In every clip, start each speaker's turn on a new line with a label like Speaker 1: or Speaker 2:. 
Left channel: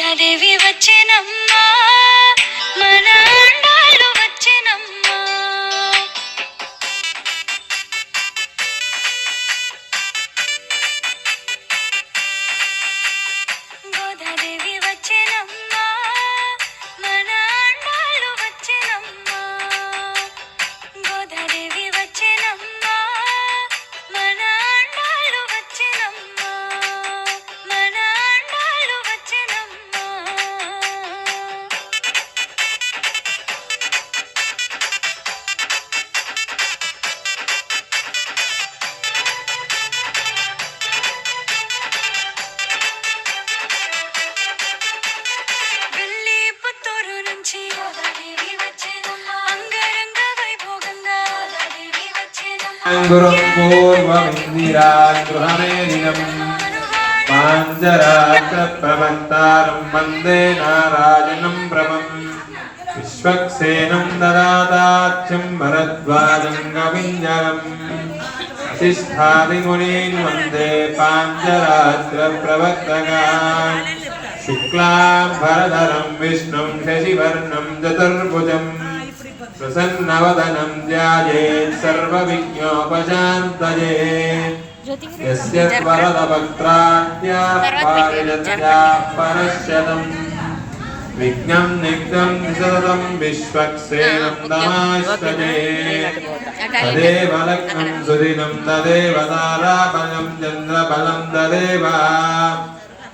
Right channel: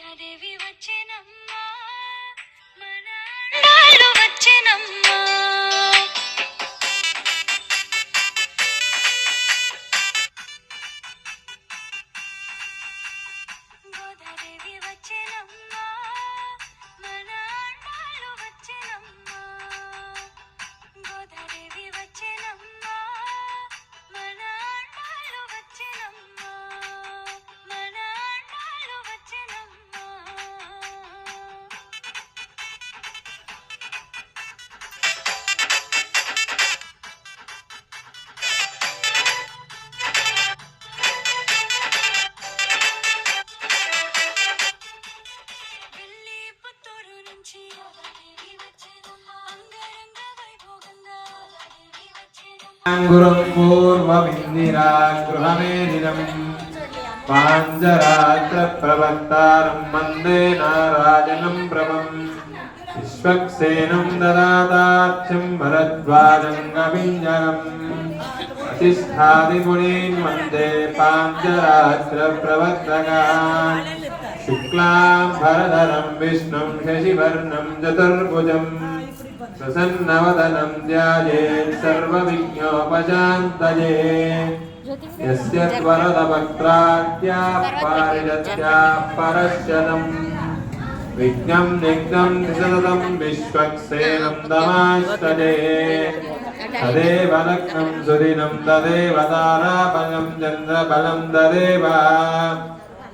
Speaker 1: సీతాదేవి వచ్చినమ్మా. మన అండాలు వచ్చినమ్మా. వచ్చేనమ్మా
Speaker 2: గురం పూర్వమిందిరాగృహమేనినం పాంజరాగ్రప్రవక్తారం వందే నారాయణం భ్రమం విశ్వక్సేనం దదాతార్చం భరద్వాజం గవింజరం వసిష్ఠాదిమునీన్ వందే పాంజరాగ్రప్రవర్తకాన్ శుక్లాంబరధరం విష్ణుం శశివర్ణం చతుర్భుజం प्रसन्नवदनं ध्यायेत् सर्वविघ्नोपशान्तये यस्य वरदवक्त्राद्यापारिणत्याः परश्यतम् विघ्नं निघ्नं सततं विश्वक्सेनं नमास्तये तदेव लग्नं सुदिनं तदेव ताराबलं चन्द्रबलं तदेव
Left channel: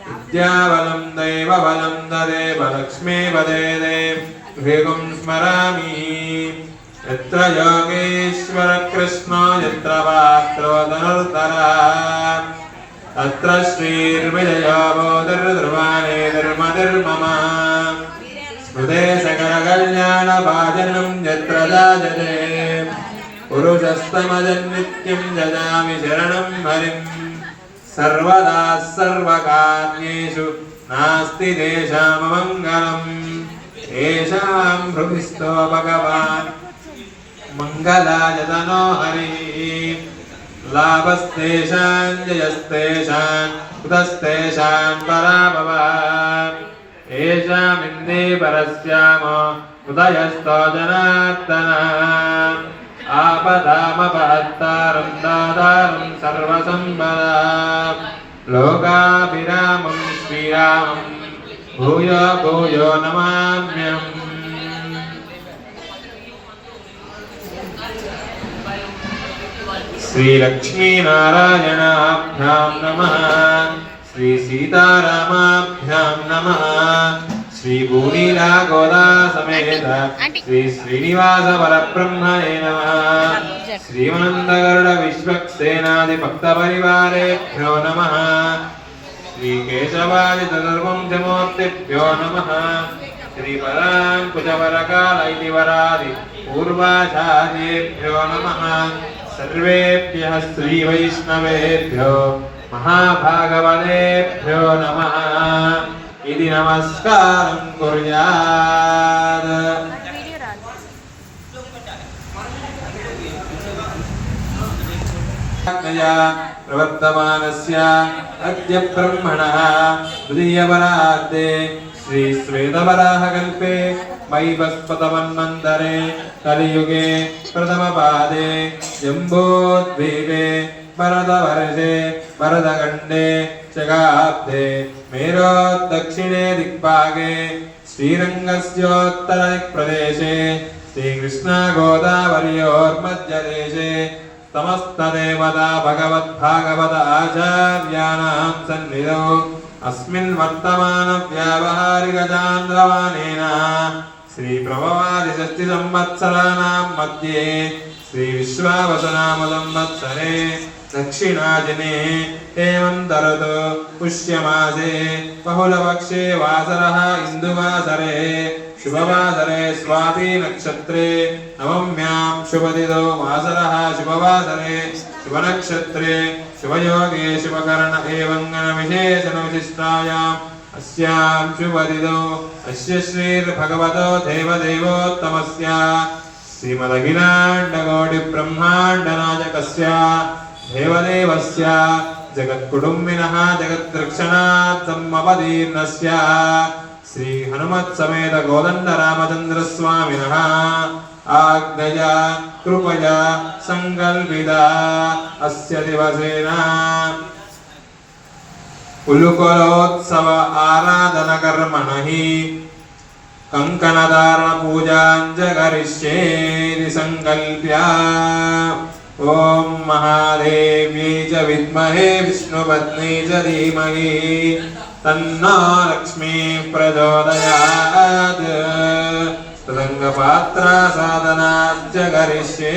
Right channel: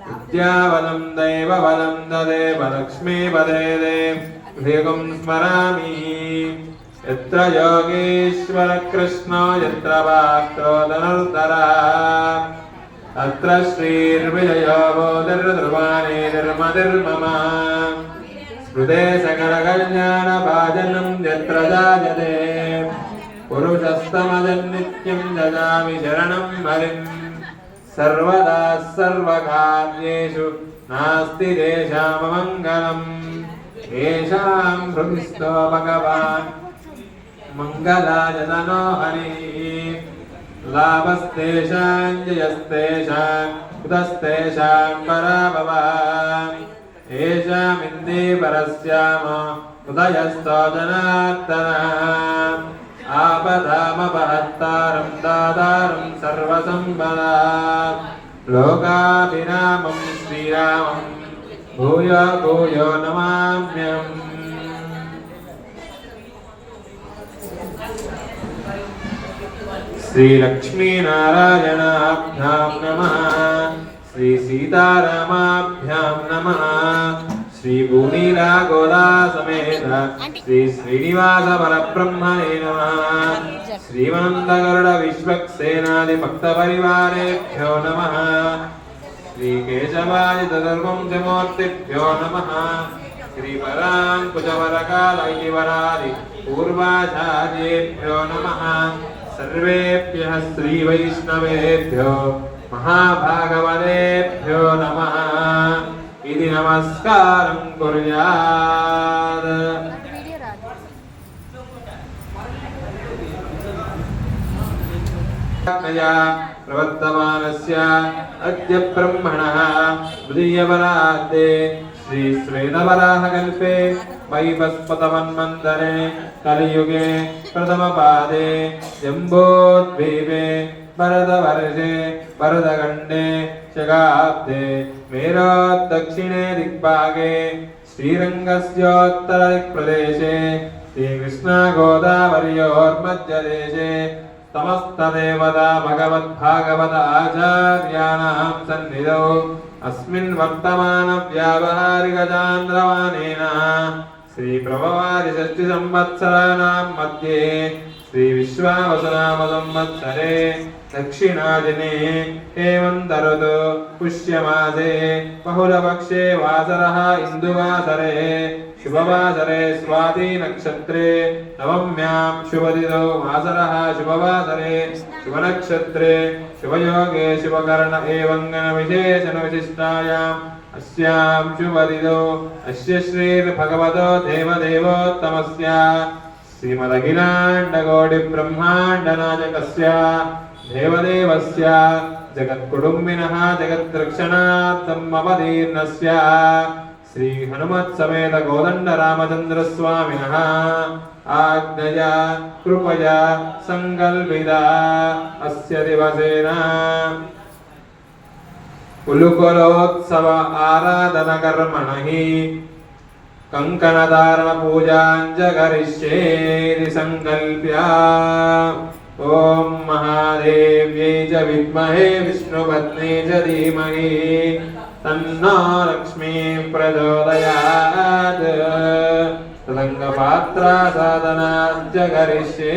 Speaker 2: विद्याबलं दैवबलं तदेव लक्ष्मीपदे ഹൃദം സ്മരാമി. എത്ര യോഗേശ്വര കൃഷ്ണ എത്ര വാക്രോധനർത്തര അത്ര ശ്രീർവിജയോ ബോധർദ്രവാനേ ധർമ്മധർമ്മ ഹൃദയ സകലകല്യാണ ഭാജനം എത്ര ജാജതേ. പുരുഷസ്തമജന്നിത്യം ജജാമി ശരണം ഹരിം സർവദാ സർവകാര്യേഷു നാസ്തി ദേശാമമംഗളം येषां हृदिस्थो भगवान् मङ्गलाय तनो हरिः लाभस्तेषां जयस्तेषां कुतस्तेषां पराभवान् येषामिन्दे परस्यामो उदयस्तो जनार्दना आपदामपहत्तारं दातारं सर्वसम्पदा लोकाभिरामं భూయో భూయో నమామ్యం శ్రీలక్ష్మీనారాయణాభ్యాం నమ శ్రీ సీతారామాభ్యాం నమ శ్రీ భూమిలా గోదా సమేత శ్రీ శ్రీనివాస పరబ్రహ్మణే నమ శ్రీమంతగరుడ విశ్వక్సేనాది భక్త పరివారేభ్యో నమ श्रीकेशवादितधर्मं नमः। श्रीपराङ्कुशवरकाल इति वरादि पूर्वाचार्येभ्यो नमः। सर्वेभ्यः श्रीवैष्णवेभ्यो, महाभागवतेभ्यो नमः। इति नमस्कारं कुर्यात्। ज्ञया प्रवर्तमानस्य अद्य ब्रह्मणः द्वितीयवरार्धे श्रीश्वेतवराहकल्पे वैवस्पतमन्वन्तरे कलियुगे प्रथमपादे जम्बोद्वीपे भरतवर्षे भरतखण्डे शगाब्दे मेरोद्दक्षिणे दिग्भागे श्रीरङ्गस्योत्तरदिक्प्रदेशे श्रीकृष्णागोदावर्योर्मध्यदेशे समस्तदेवता भगवद्भागवत आचार्याणां सन्निधौ अस्मिन् वर्तमानव्यावहारिकचान्द्रवानेन श्रीप्रभवारिषष्टिसंवत्सराणां मध्ये श्रीविश्वावसनामसंवत्सरे దక్షిణాదినే ఏం తరుదు పుష్యమాసే బహుళపక్షే వాసర ఇందువాసరే శుభవాసరే స్వాతి నక్షత్రే నవమ్యాం శుభదిదో వాసర శుభవాసరే శుభనక్షత్రే శుభయోగే శుభకరణ ఏవంగన విశేషణ విశిష్టాయాం అస్యాం శుభదిదో అస్య శ్రీర్భగవతో దేవదేవోత్తమస్య శ్రీమదఖిలాండగౌడి బ్రహ్మాండనాయకస్య దేవదేవస్య జగత్కుటుంబిన జగత్రక్షణాత్తమవదీర్ణస్య శ్రీ హనుమత్సమేత గోదండ రామచంద్రస్వామిన ఆజ్ఞయ కృపయ సంకల్పిత అస్య దివసేన ఉలుకలోత్సవ ఆరాధన కర్మణి కంకణధారణ పూజాంజ కరిష్యేది ॐ महादेव्यै च विद्महे विष्णुपत्नी च धीमहि तन्नो लक्ष्मीः प्रचोदयात् तदङ्गपात्रा साधनाञ्च करिष्ये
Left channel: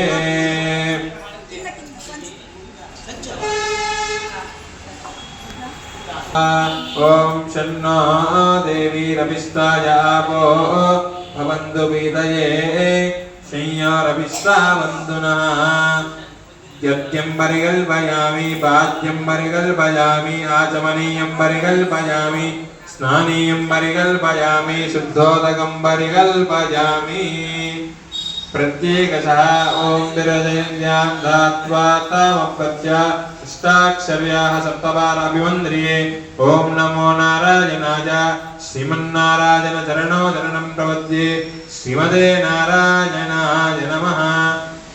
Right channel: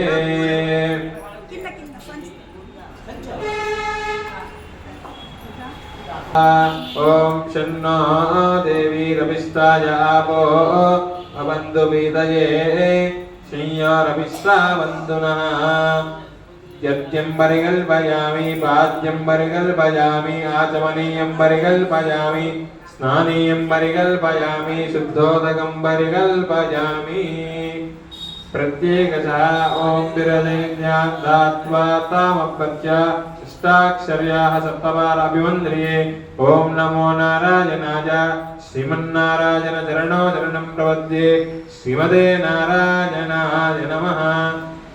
Speaker 2: ॐ शन्नो देवी रविष्टाय आपो भवन्तु पीतये संयोरविश्रावन्तु नः यज्ञं परिकल्पयामि पाद्यं परिकल्पयामि आचमनीयं परिकल्पयामि स्नानीयं परिकल्पयामि शुद्धोदकं परिकल्पयामि प्रत्येकशः ॐ विरजन्यां दात्वा तामपत्य अष्टाक्षर्याः सप्तवारभिवन्द्रिये ॐ नमो नारायणाय श्रीमन्नारायण चरणो चरणं प्रपद्ये श्रीमते नारायणाय नमः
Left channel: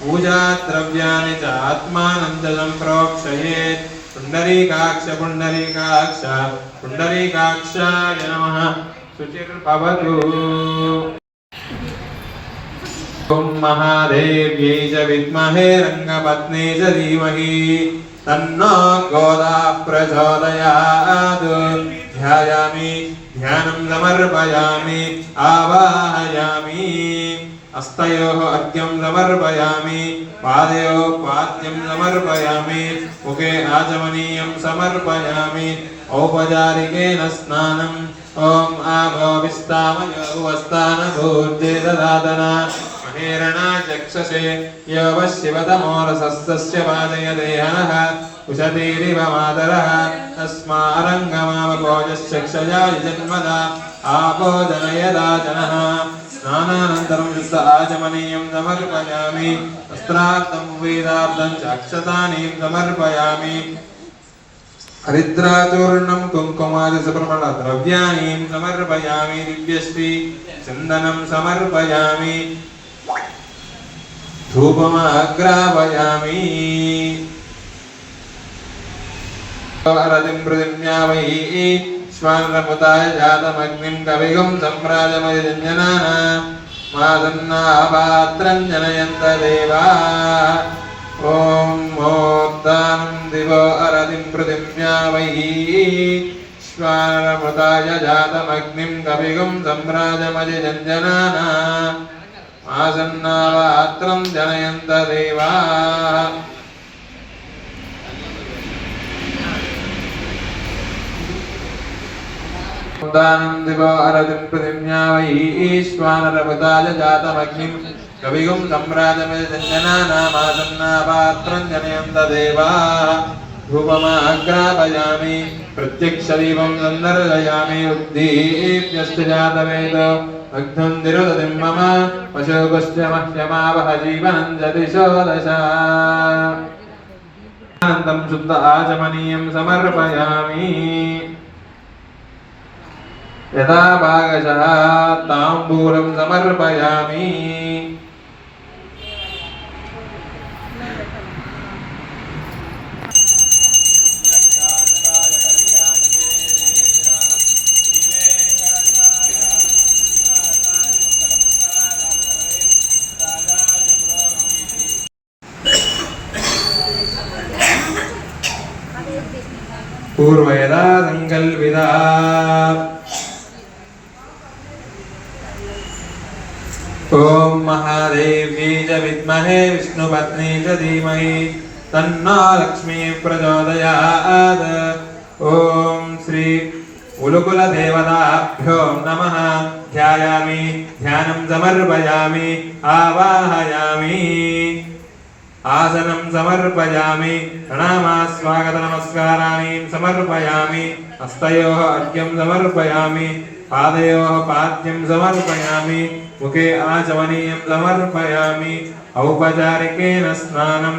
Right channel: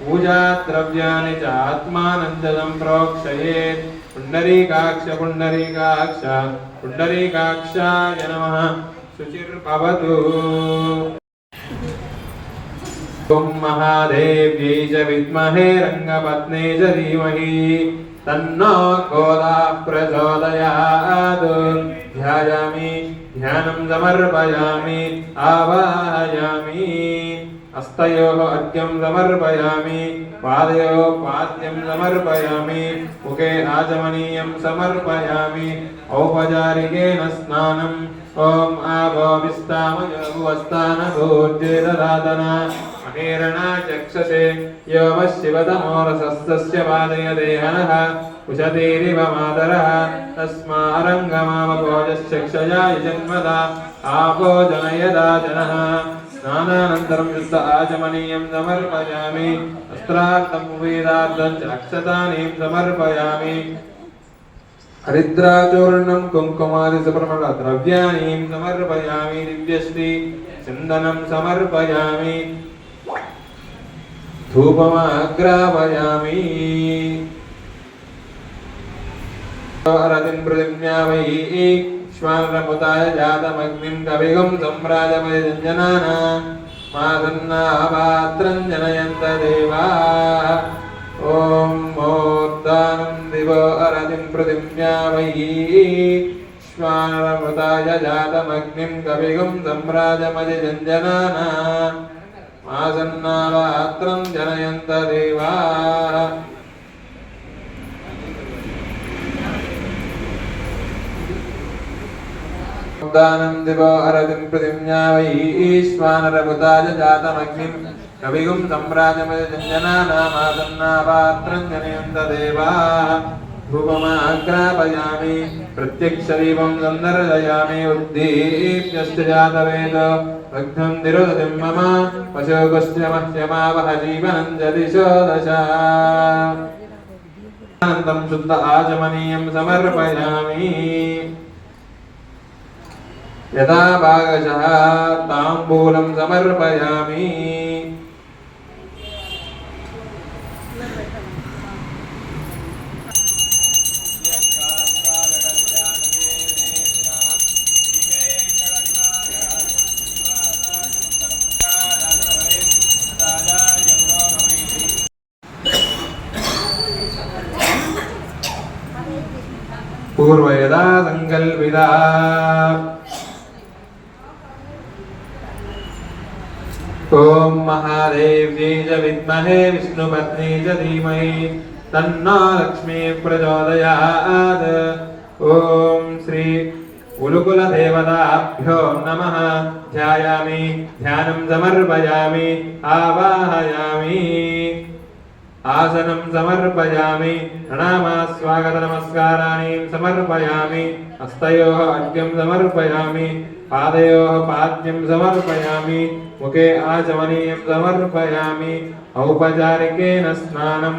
Speaker 2: पूजाद्रव्याणि च आत्मानन्दं प्रोक्षयेत् पुण्डरीकाक्ष पुण्डरीकाक्ष, पुण्डरीकाक्षाय नमः। शुचिर्भवतु। ॐ महादेव्यै च विद्महे रङ्गपत्नी च धीमहि। तन्नो गोदा प्रचोदयात् ध्यायामि, ध्यानं समर्पयामि, आवाहयामि। హస్తయోః అద్యం సమర్పయామి పాదయోః పాద్యం సమర్పయామి ముఖే ఆచమనీయం సమర్పయామి ఔపచారికేణ స్నానం. ఓం ఆభోభిస్తామయోవస్థాన భూర్జేదరాధన మహేరణ చక్షసే యోవ శివతమోరసస్య వాజయదేహనః కుశతేరివ మాతరः. తస్మారంగమావకోజశ్చక్షయా జన్మదా ఆపో జనయదా స్నానానంతరం విశ ఆచమనీయం సమర్పయామి. వస్త్రార్థం వేదార్థం చ అక్షతాని సమర్పయామి. హరిద్రాచూర్ణం కుంకుమాది సుబ్రహ్మణ ద్రవ్యాన్ని సమర్పయామి. దివ్యశ్రీ చందనం సమర్పయామి. ధూపమాగ్రాపయామి రతిం ప్రతిజ్ఞామయీ విశ్వానరపుతాయ జాతమగ్నిం కవిగం సమ్రాజమయజనాన మాదన్నాపాత్రం జనయంత దేవా ఓం మోర్దానం దివో అరదిం పృథివ్యామయీ విశ్వానరపుతాయ జాతమగ్నిం కవిగం సమ్రాజమయజంజనాన మాసన్నాపాత్రం జనయంత దేవా दानं दिवो अरतिं पृथिव्या वै ईश्वानरभुताय जातमग्निं कविगुं सम्राजमयजञ्जनानामासन्नापात्रं जनयन्त देवाः धूपमाग्रापयामि प्रत्यक्षदीपं सन्दर्शयामि उद्दीप्यश्च जातवेद भग्नं निरोधतिं मम पशुगुस्य मह्यमावह जीवनं च दिशो दश अनन्तं शुद्ध आचमनीयं समर्पयामि यदा भागशः ताम्बूलं समर्पयामि विद्महे विष्णुपत्नी च धीमहि तन्नो लक्ष्मीः प्रचोदयात् ॐ श्री उलुकुलदेवताभ्यो नमः ध्यायामि ध्यानं समर्पयामि आवाहयामि आसनं समर्पयामि प्रणामास्वागतनमस्काराणि समर्पयामि हस्तयोः अर्घ्यं समर्पयामि पादयोः पाद्यं समर्पयामि मुखे आचमनीयं समर्पयामि औपचारिकेन स्नानं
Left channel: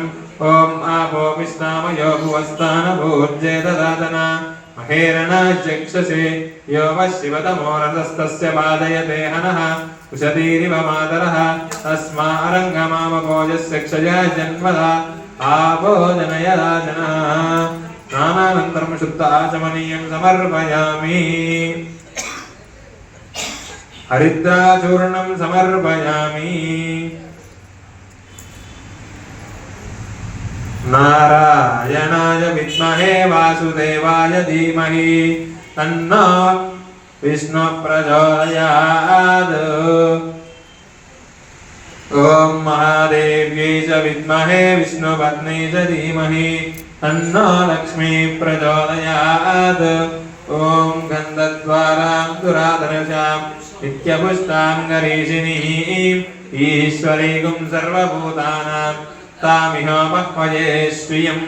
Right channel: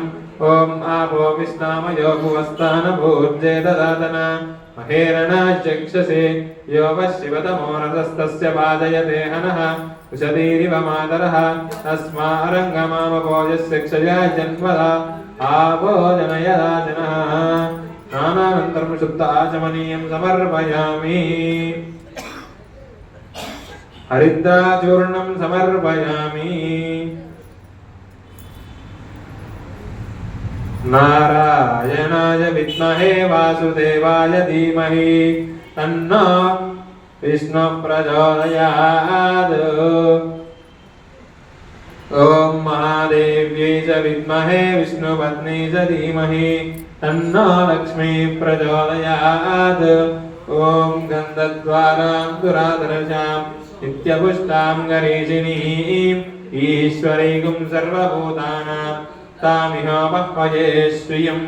Speaker 2: ॐ आपो विस्नामयो भुवस्तानभूर्जे ददातन महेरणचक्षसे यो वः शिवतमो रथस्तस्य वाजयते हनः कुशतीरिव मातरः तस्मारङ्गमामभोजस्य क्षया जन्मदा आबोधनयदा जनः स्नानानन्तरं शुद्ध आचमनीयं समर्पयामि హరిద్రాచూర్ణం సమర్పయామి. నారాయణాయ విద్మహే వాసుదేవాయ ధీమహి. తన్నో విష్ణు ప్రచోదయాద్ ఓం మహాదేవ్యై చ విద్మహే విష్ణుపత్ని చ ధీమహి. తన్నో లక్ష్మీ ప్రచోదయాద్ ఓం గంధద్వారాం దురాదర్శాం నిత్యపుష్టాంగరేషిణి ఈశ్వరీగుం సర్వభూతానాం తామిహోపహ్మజే శ్రియం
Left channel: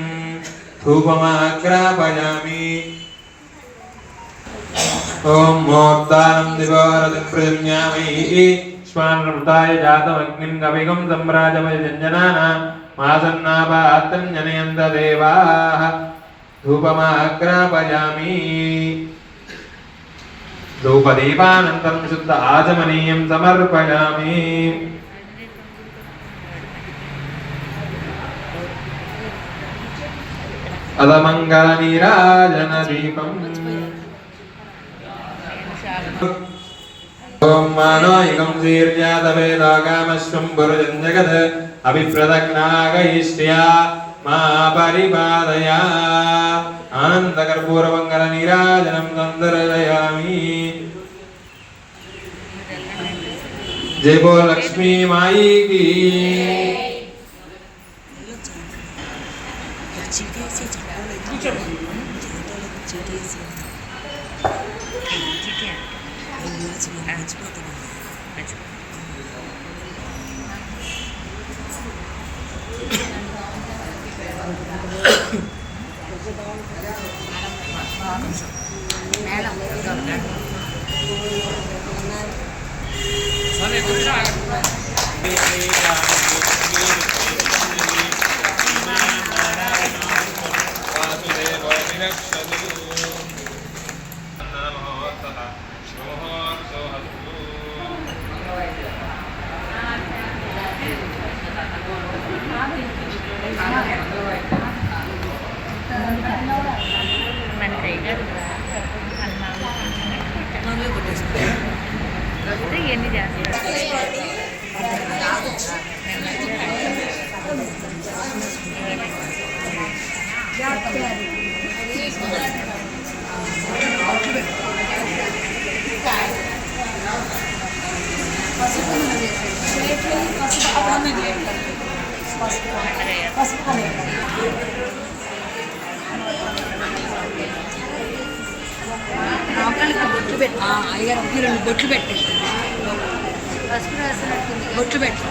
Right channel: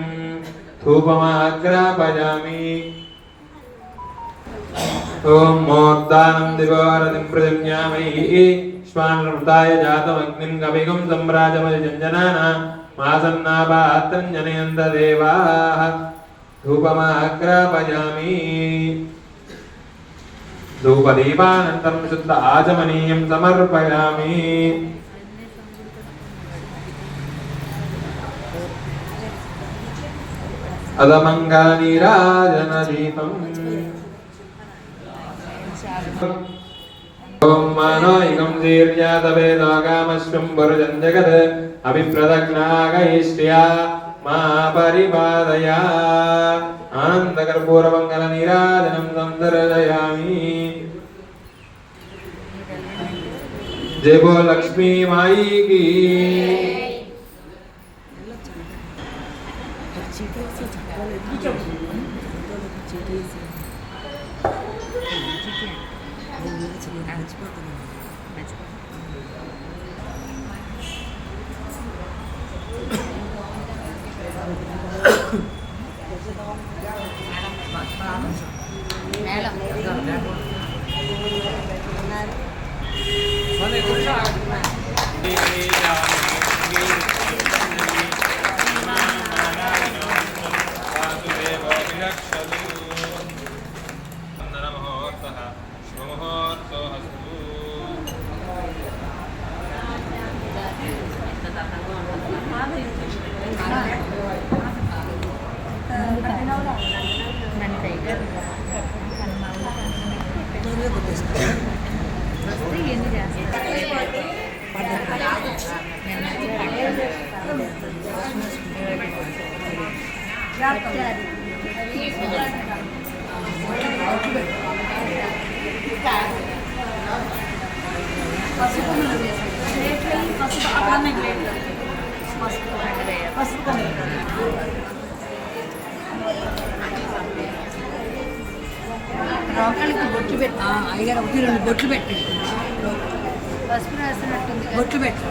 Speaker 2: ధూపమాగ్రాపయామి ఓం మూర్ధాం దివారత ప్రజమ్యామి శ్వానృతాయ జాతమగ్నిం కవిగం సంరాజమయ జంజనాన మాసన్నాపాత్తం జనయంత దేవాః ధూపమాగ్రాపయామి ధూపదీపానంతరం శుద్ధ ఆచమనీయం సమర్పయామి. అదమంగళనీరాజన దీపం. ఓం ఆనందకర్పూరమంగళ నీరాజనం जय बोल लक्ष्मी माई की
Speaker 3: Thank you. పసుపు
Speaker 4: బొట్లు పెట్టు అయ్యారు ఒకటి రెండు బొట్లు పెట్టి
Speaker 3: పసుపు రాసినట్టుంది
Speaker 4: బొట్లు పెట్టి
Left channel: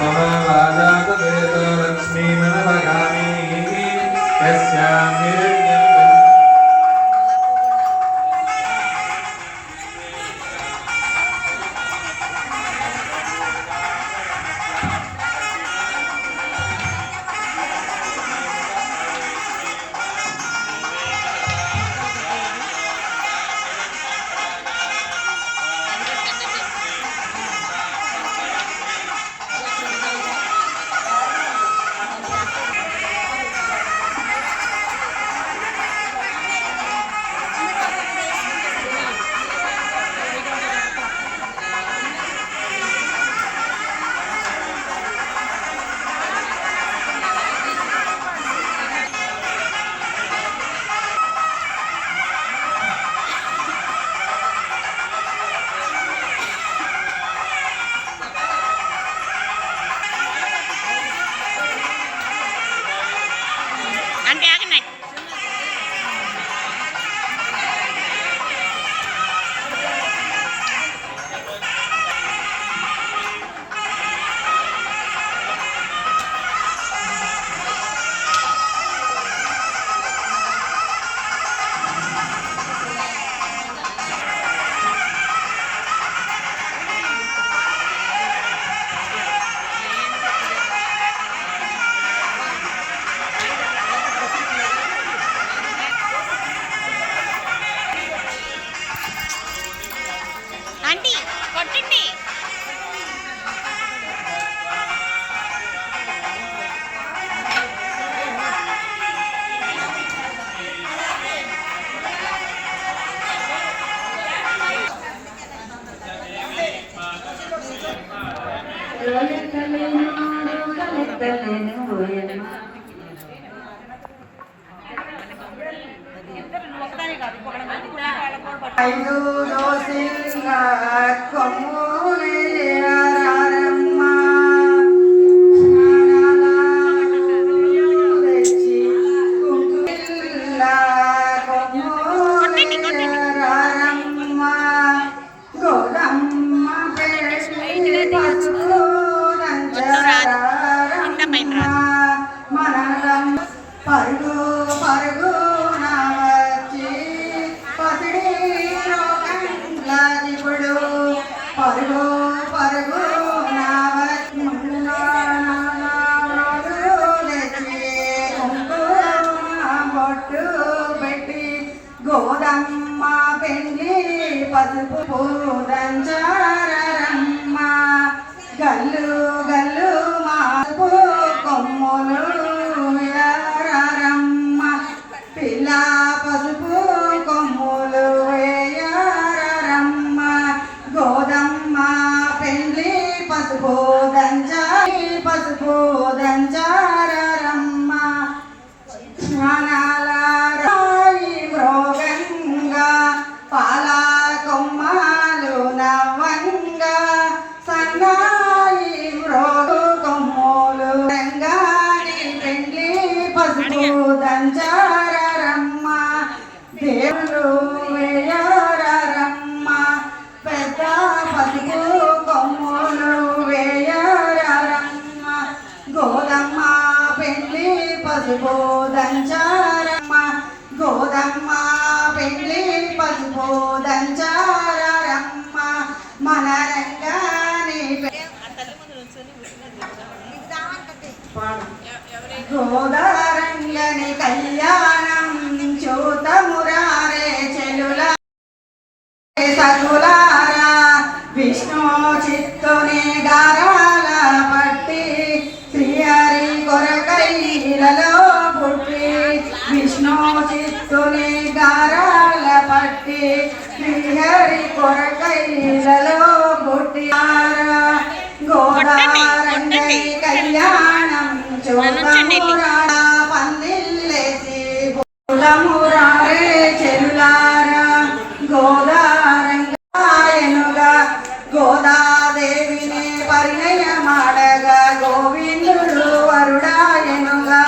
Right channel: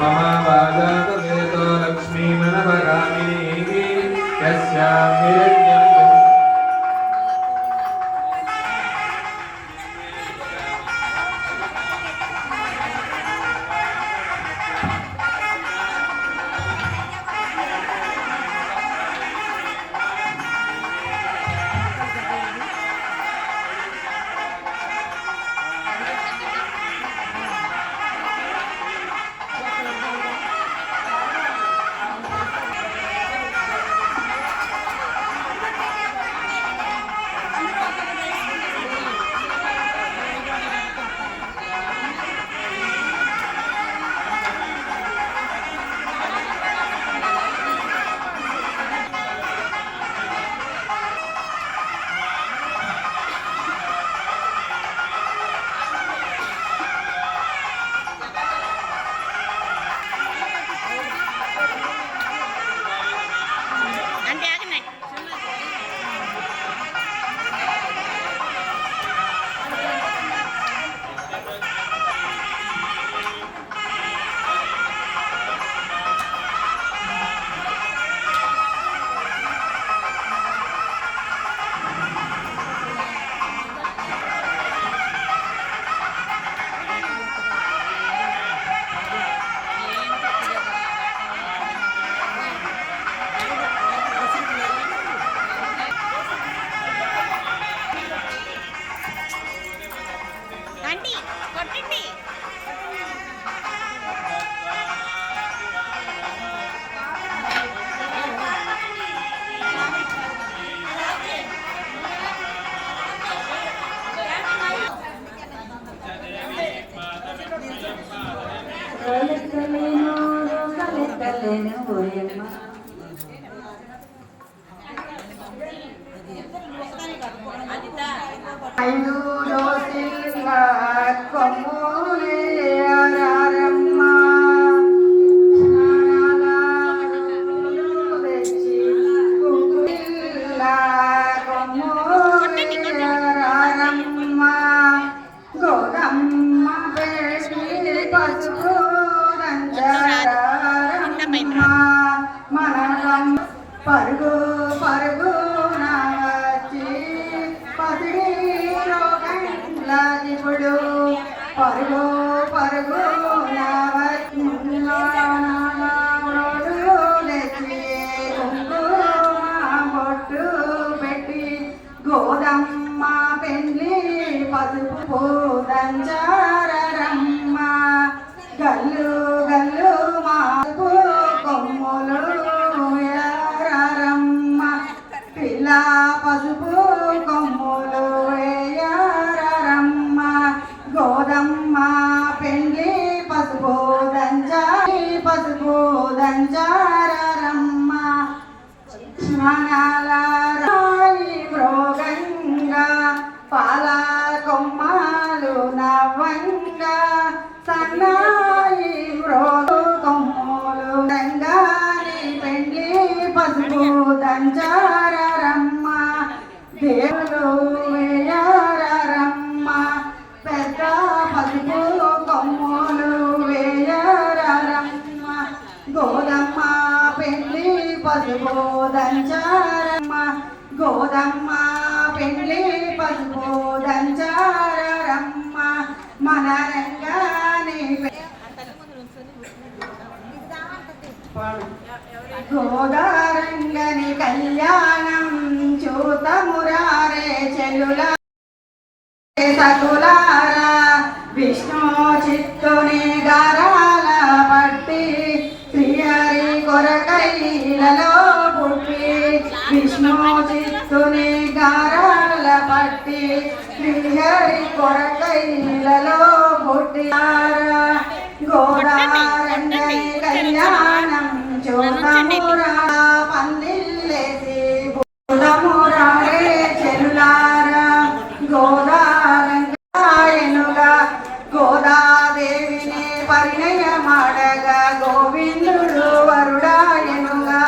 Speaker 2: मम
Speaker 5: పసుపు గంజాయి పసుపు గోదారంగని కళ్యాణం చూత మురారే చెలుల సరులారా విష్ణు చిత్తుని గారాల పట్టి శ్రీహరి కొరకై నీలలో పుట్టి విష్ణు చిత్తుని గారాల పట్టి శ్రీహరి కొరకై నీలలో పుట్టి గోదారంగని కళ్యాణ గోదాదేవిని పరిణయ మాడగా గోవిందుడు వరుడాయనుగా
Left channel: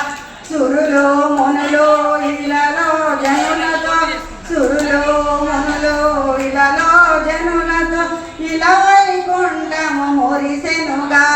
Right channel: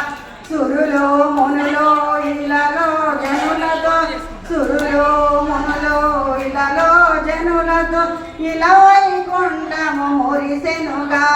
Speaker 5: సురులో మునులో ఇలలో జనులతో సురులో మునులో ఇలలో జనులతో ఇలా వైకుంఠము మురిసెనుగా